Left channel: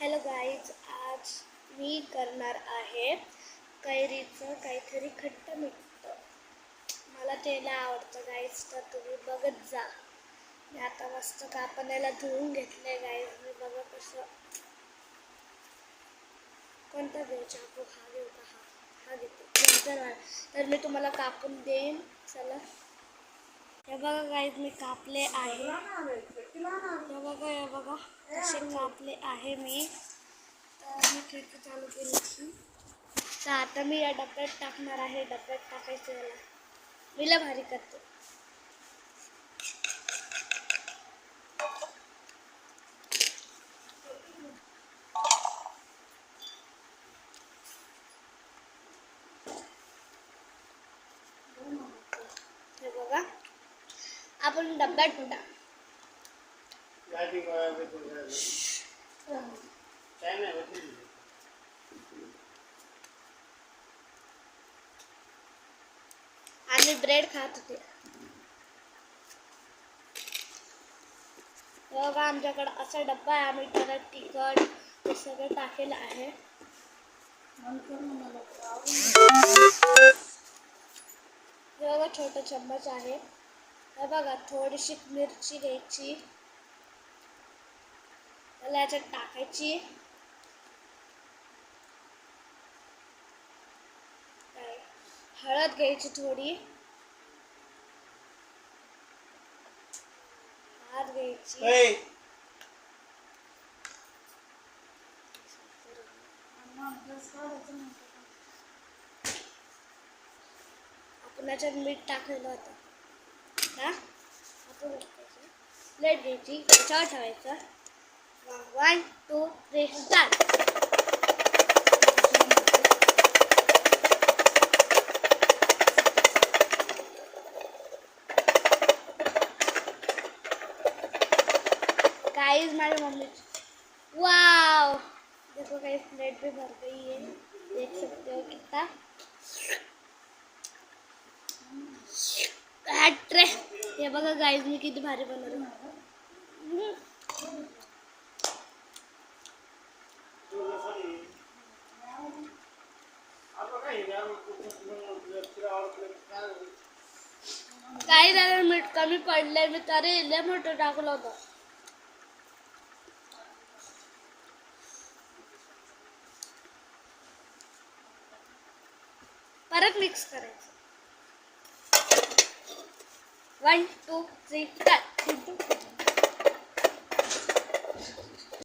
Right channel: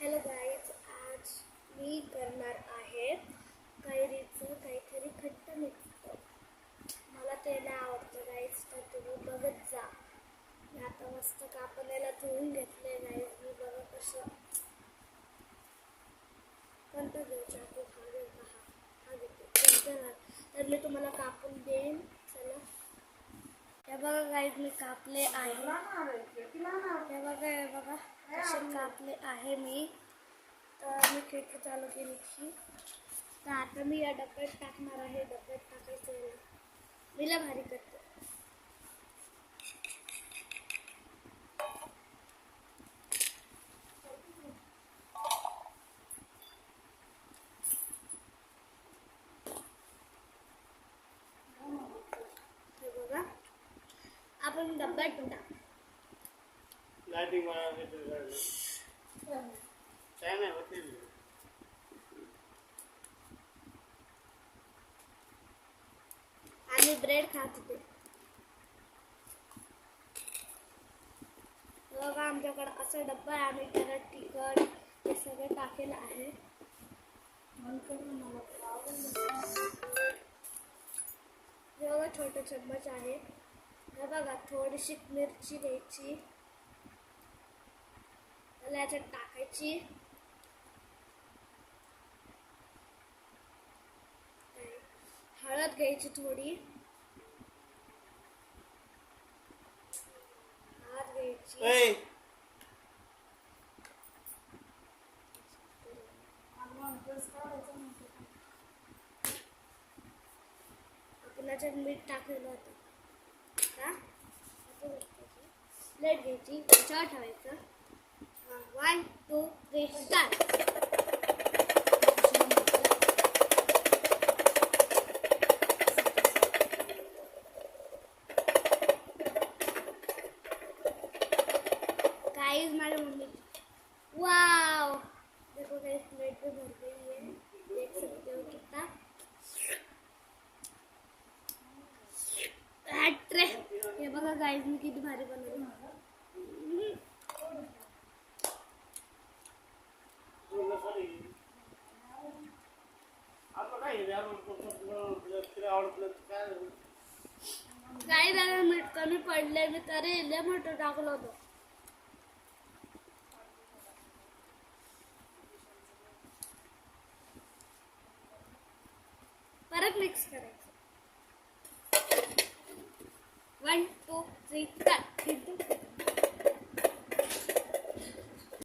Hello guys, आज मी करणार आहे कैरीचं काहीतरी खट्ट मिठ्ठ. मला ते लय आवडतं गाईज, तर तुम्ही बघत जा. मी आता मस्त कापण्याला धुवून घेतले गाईज. मी बघा कसं, कोणता घेऊ चाकू? हा घेऊ का? हा घेते नंतर. तर मी तुम्हाला कापून देईन. चला, हे बघा गाईज, मी कापले आहे. हे बघा कसे कापले आहे मी. तर मी खिडकी चालू केली. तर आता मी या डब्यात टाकणार आहे. डब्यात टाकायचं याला मी लय भारी करते. हे बघा, आपण डब्यात टाक. आणि ब्रेड खात होते. बघा, आमच्याकडे असा डब्बा आहे. आम्ही त्याला तिखट हे सगळं टाकेलं आहे. हे बघा, छोटा चम्मच आहे. हे बघा, थोडीशी मिरची घ्यायची, त्याला याच्यात टाकायची. हळद घ्यायची थोडी, भात घ्यायची, आपण याच्यात मीठ टाकलेलं होतं ना. आपण प्लेट घ्यायची, त्याच्यावर ठेवायचं. 1, 2, 3 स्टार्ट. गाइस, हमारी मम्मी, वाव, देखो गाइस, प्लेट भी भर गई है. देख सकते हो कितना ट्रे. ये बघा गाइस, मी किती भारी बनवलं. काही जरा मीठ कमी पडलंय, मी तरी लय मोठं टाकलं होतं. परत मिक्स करायचं. 1, 2, 3 स्टार्ट.